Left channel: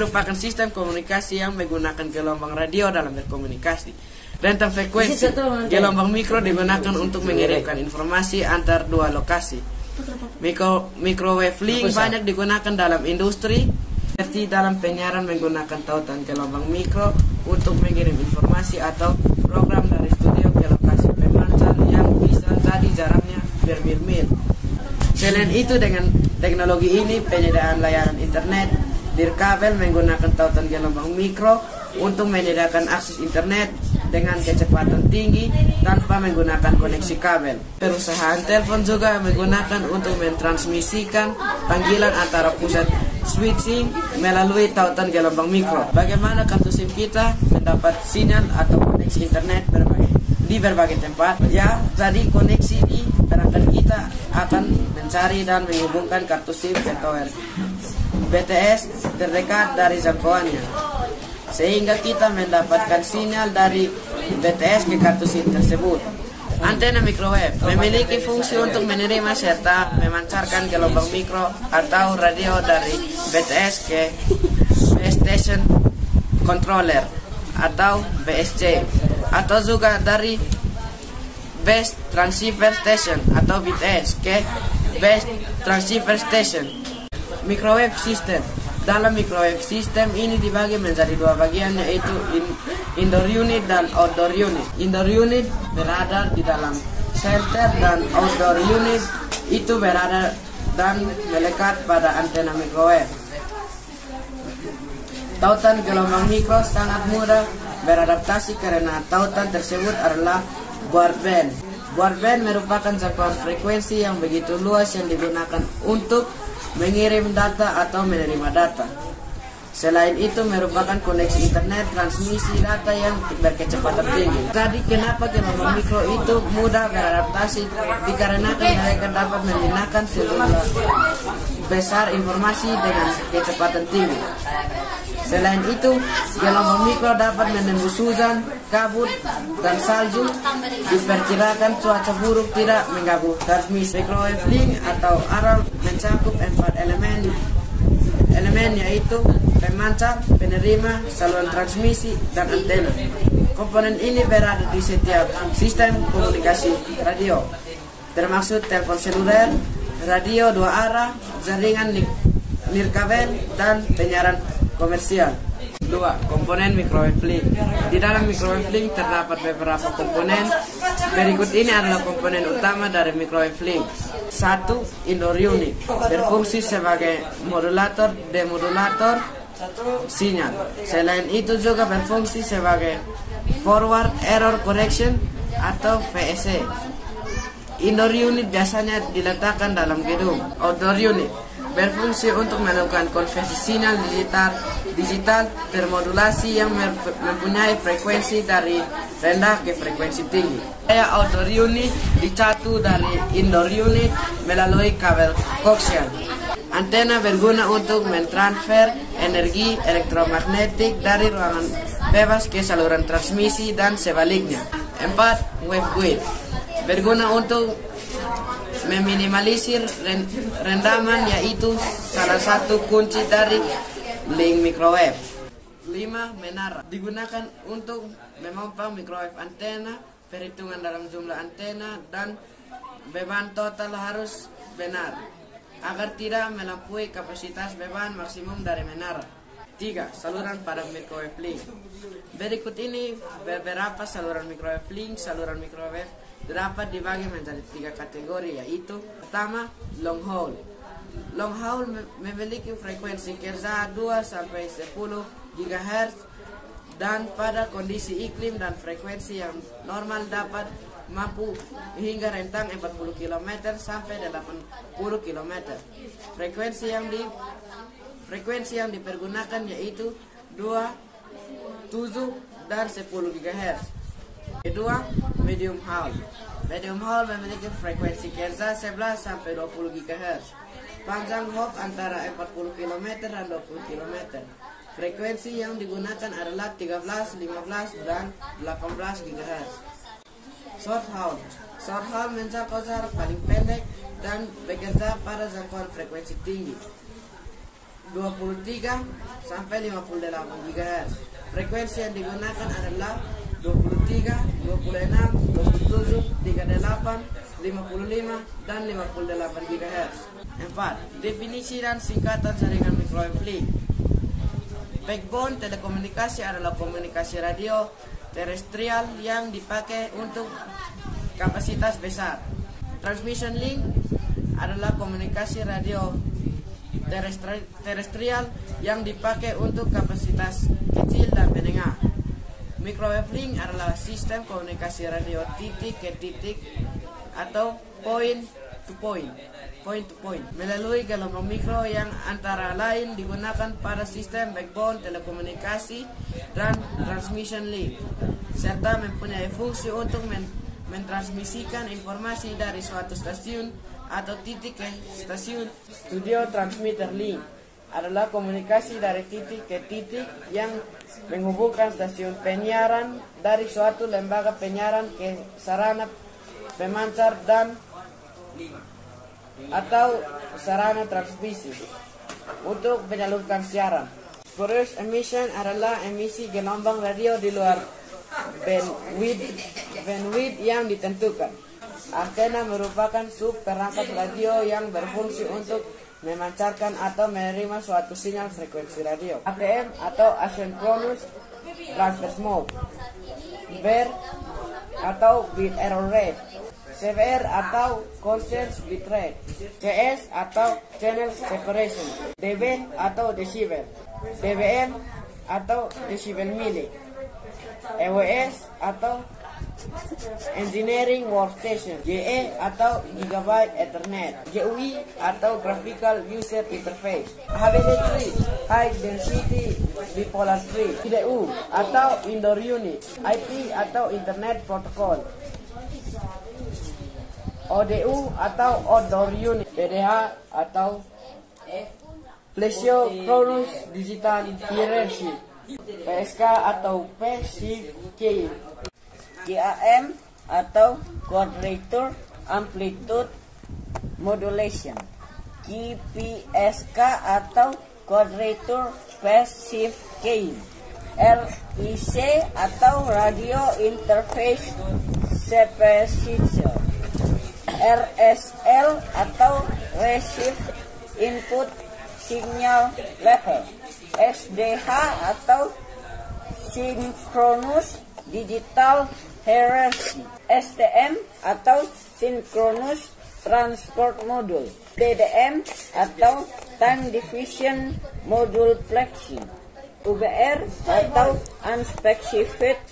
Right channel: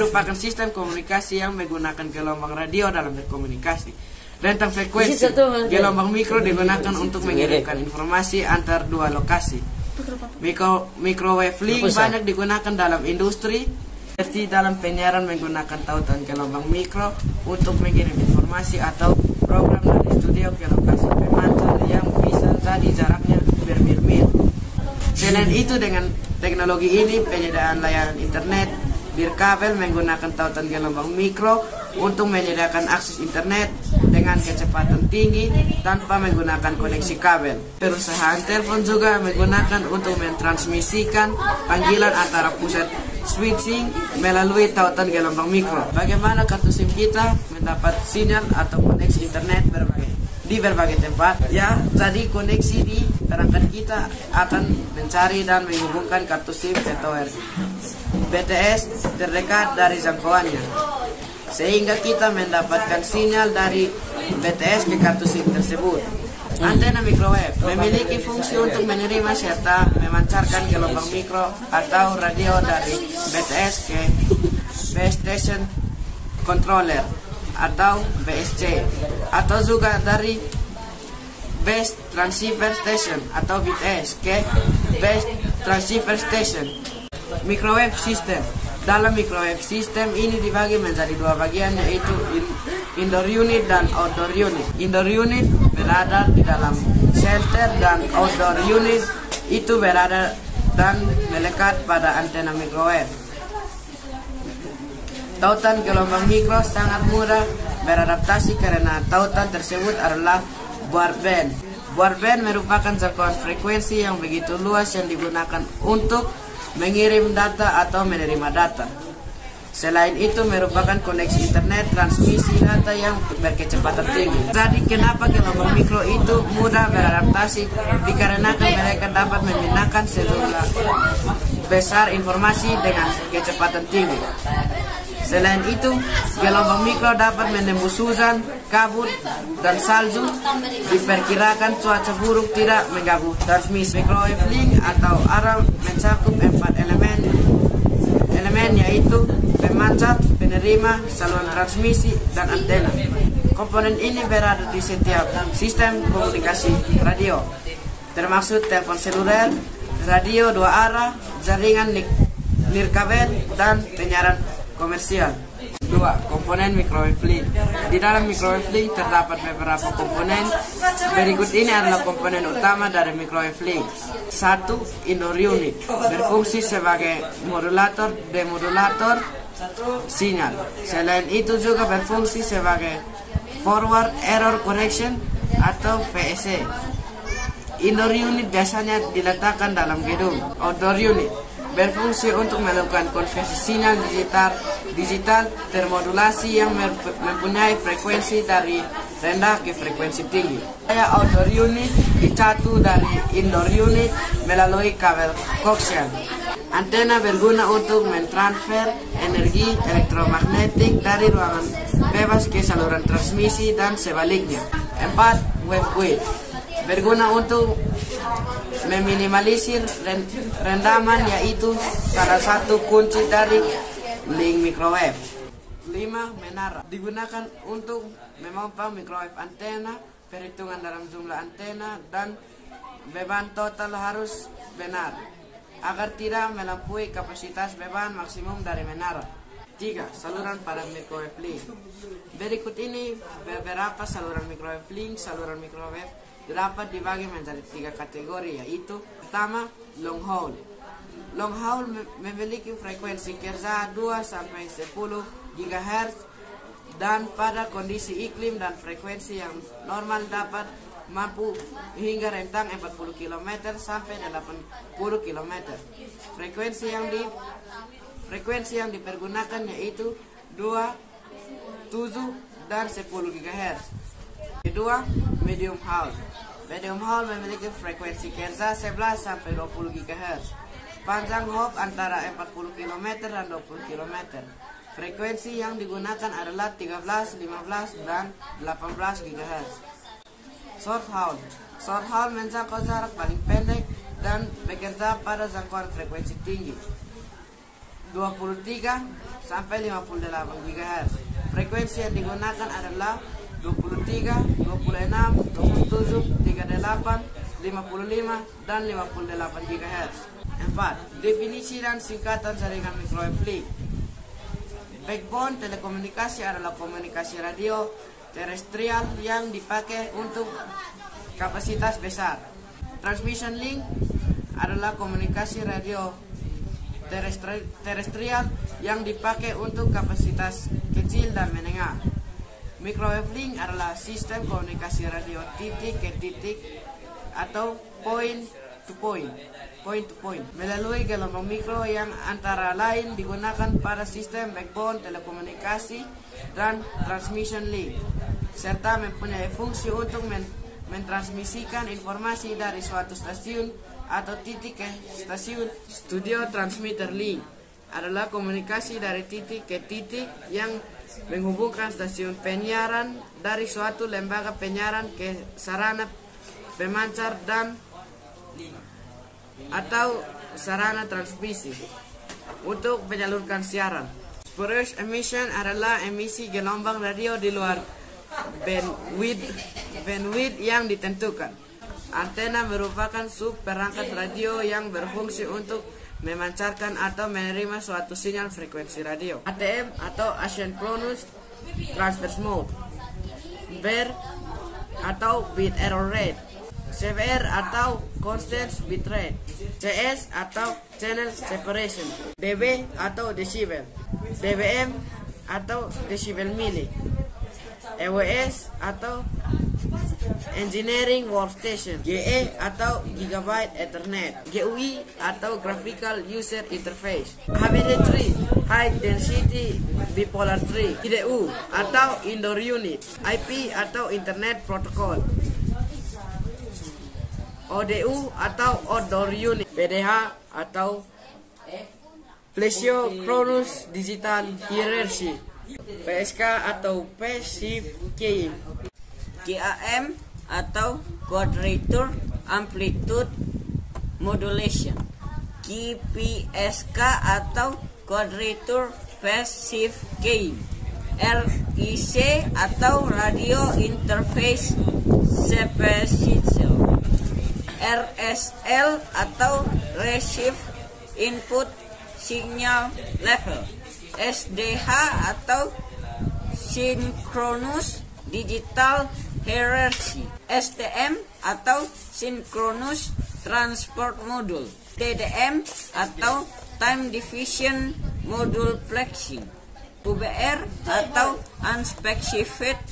merupakan sistem komunikasi yang menggunakan gelombang radio dalam berkomunikasi. Rentang frekuensi gelombang mikro digunakan untuk mengirimkan informasi antar dua lokasi. Microwave link banyak digunakan dalam industri, seperti dalam penyiaran menggunakan tautan gelombang mikro untuk mengirim informasi atau program dari studio ke lokasi pemancar yang bisa jadi jaraknya bermil-mil. Selain itu, dengan teknologi ini penyediaan layanan internet nirkabel menggunakan tautan gelombang mikro untuk menyediakan akses internet dengan kecepatan tinggi tanpa menggunakan koneksi kabel. Perusahaan telepon juga menggunakan untuk mentransmisikan panggilan antara pusat switching melalui tautan gelombang mikro. Bagaimana kartu SIM kita mendapat sinyal atau koneksi internet di berbagai tempat? Ya, jadi koneksi di perangkat kita akan mencari dan menghubungkan kartu SIM ke tower BTS terdekat dari jangkauannya, sehingga kita mendapatkan sinyal dari BTS ke kartu SIM tersebut. Antena microwave memiliki fungsi untuk menerima serta memancarkan gelombang mikro atau radio dari BTS ke base station controller atau BSC, atau juga dari base transceiver station atau BTS ke base transceiver station. Microwave system. Dalam microwave system ini dibagi menjadi dua bagian, yaitu indoor unit dan outdoor unit. Indoor unit berada di dalam shelter dan outdoor unit itu berada dan melekat pada antena microwave. Tautan gelombang mikro sangat mudah beradaptasi karena tautan tersebut adalah broadband. Broadband merupakan jangkauan frekuensi yang begitu luas yang digunakan untuk mengirim data atau menerima data. Selain itu merupakan koneksi internet transmisi data yang berkecepatan tinggi. Jadi kenapa gelombang mikro itu mudah beradaptasi? Dikarenakan mereka dapat memindahkan sejumlah besar informasi dengan kecepatan tinggi. Selain itu, gelombang mikro dapat menembus hujan, kabut, dan salju. Diperkirakan cuaca buruk tidak mengganggu transmisi. Microwave link atau array mencakup 4 elemen yaitu pemancar, penerima, saluran transmisi, dan antena. Komponen ini berada di setiap sistem komunikasi radio, termasuk telepon seluler, radio dua arah, jaringan nirkabel, dan penyiaran komersial. 2. Komponen microwave link. Di dalam microwave link terdapat beberapa komponen. Berikut ini adalah komponen utama dari microwave link. 1. Indoor unit, berfungsi sebagai modulator, demodulator sinyal. Selain itu juga berfungsi sebagai forward error correction atau VEC. Indoor unit biasanya diletakkan dalam gedung. Outdoor unit berfungsi untuk melakukan konversi sinyal digital termodulasi yang mempunyai frekuensi dari rendah ke frekuensi tinggi. Outdoor unit dicatu dari indoor unit melalui kabel koaksial. Antena berguna untuk mentransfer energi elektromagnetik dari ruangan bebas ke saluran transmisi dan sebaliknya. 4. Waveguide berguna untuk meminimalisir rendaman, yaitu salah satu kunci dari link microwave. 5. Menara digunakan untuk memompa microwave antena. Perhitungan dalam jumlah antena dan beban total harus benar agar tidak melampaui kapasitas beban maksimum dari menara. 3. Saluran pada microwave link. Berikut ini beberapa saluran microwave link. Saluran microwave dapat dibagi menjadi 3 kategori, yaitu pertama, long haul. Long haul memiliki frekuensi kerja 2 sampai 10 GHz dan pada kondisi iklim dan frekuensi yang normal dapat mampu hingga rentang 40 km sampai 80 km. Frekuensi yang dipergunakan yaitu 2, 7, dan 10 GHz. Kedua, medium haul. Medium haul memiliki frekuensi kerja 11 sampai 20 GHz. Panjang hop antara 40 km dan 20 km. Frekuensi yang digunakan adalah 13, 15, dan 18 GHz. Short haul. Short haul mencakup jarak paling pendek dan bekerja pada jangkauan frekuensi tinggi. 23 sampai 58 GHz. Frekuensi yang digunakan adalah 23, 26, 27, 38, 55, dan 58 GHz. 4. Definisi dan singkatan jaringan microwave link. Backbone telekomunikasi adalah komunikasi radio terestrial yang dipakai untuk kapasitas besar. Transmission link adalah komunikasi radio terestrial yang dipakai untuk kapasitas kecil dan menengah. Microwave link adalah sistem komunikasi radio titik ke titik atau point to point melalui gelombang mikro yang antara lain digunakan pada sistem backbone telekomunikasi dan transmission link, serta mempunyai fungsi untuk mentransmisikan informasi dari suatu stasiun atau titik ke stasiun. Studio transmitter link adalah komunikasi dari titik ke titik yang menghubungkan stasiun penyiaran dari suatu lembaga penyiaran ke sarana pemancar dan atau sarana transmisi untuk menyalurkan siaran. Spurious emission adalah emisi gelombang radio di luar bandwidth yang ditentukan. Antena merupakan sub perangkat radio yang berfungsi untuk memancarkan atau menerima suatu sinyal frekuensi radio. ATM atau Asynchronous Transfer Mode, BER atau Bit Error Rate, CBR atau Constant Bit Rate, CS atau Channel Separation, dB atau Decibel, dBm atau Decibel Milli, EWS atau Engineering Workstation, GE atau Gigabyte Ethernet, GUI atau Graphical User Interface, HBD3 High Density Bipolar Tree, IDU atau Indoor Unit, IP atau Internet Protocol, ODU atau Outdoor Unit, PDH atau Plesiocronus Digital Hierarchy, PSK atau Passive Keying, QAM atau Quadrature Amplitude Modulation, QPSK atau Quadrature Passive Keying, RIC atau Radio Interface Separation, RSL atau Receive Input Signal Level, SDH atau Synchronous Digital Hierarchy, STM atau Synchronous Transport Module, TDM atau Time Division Module Plexing, UBR atau Unspecified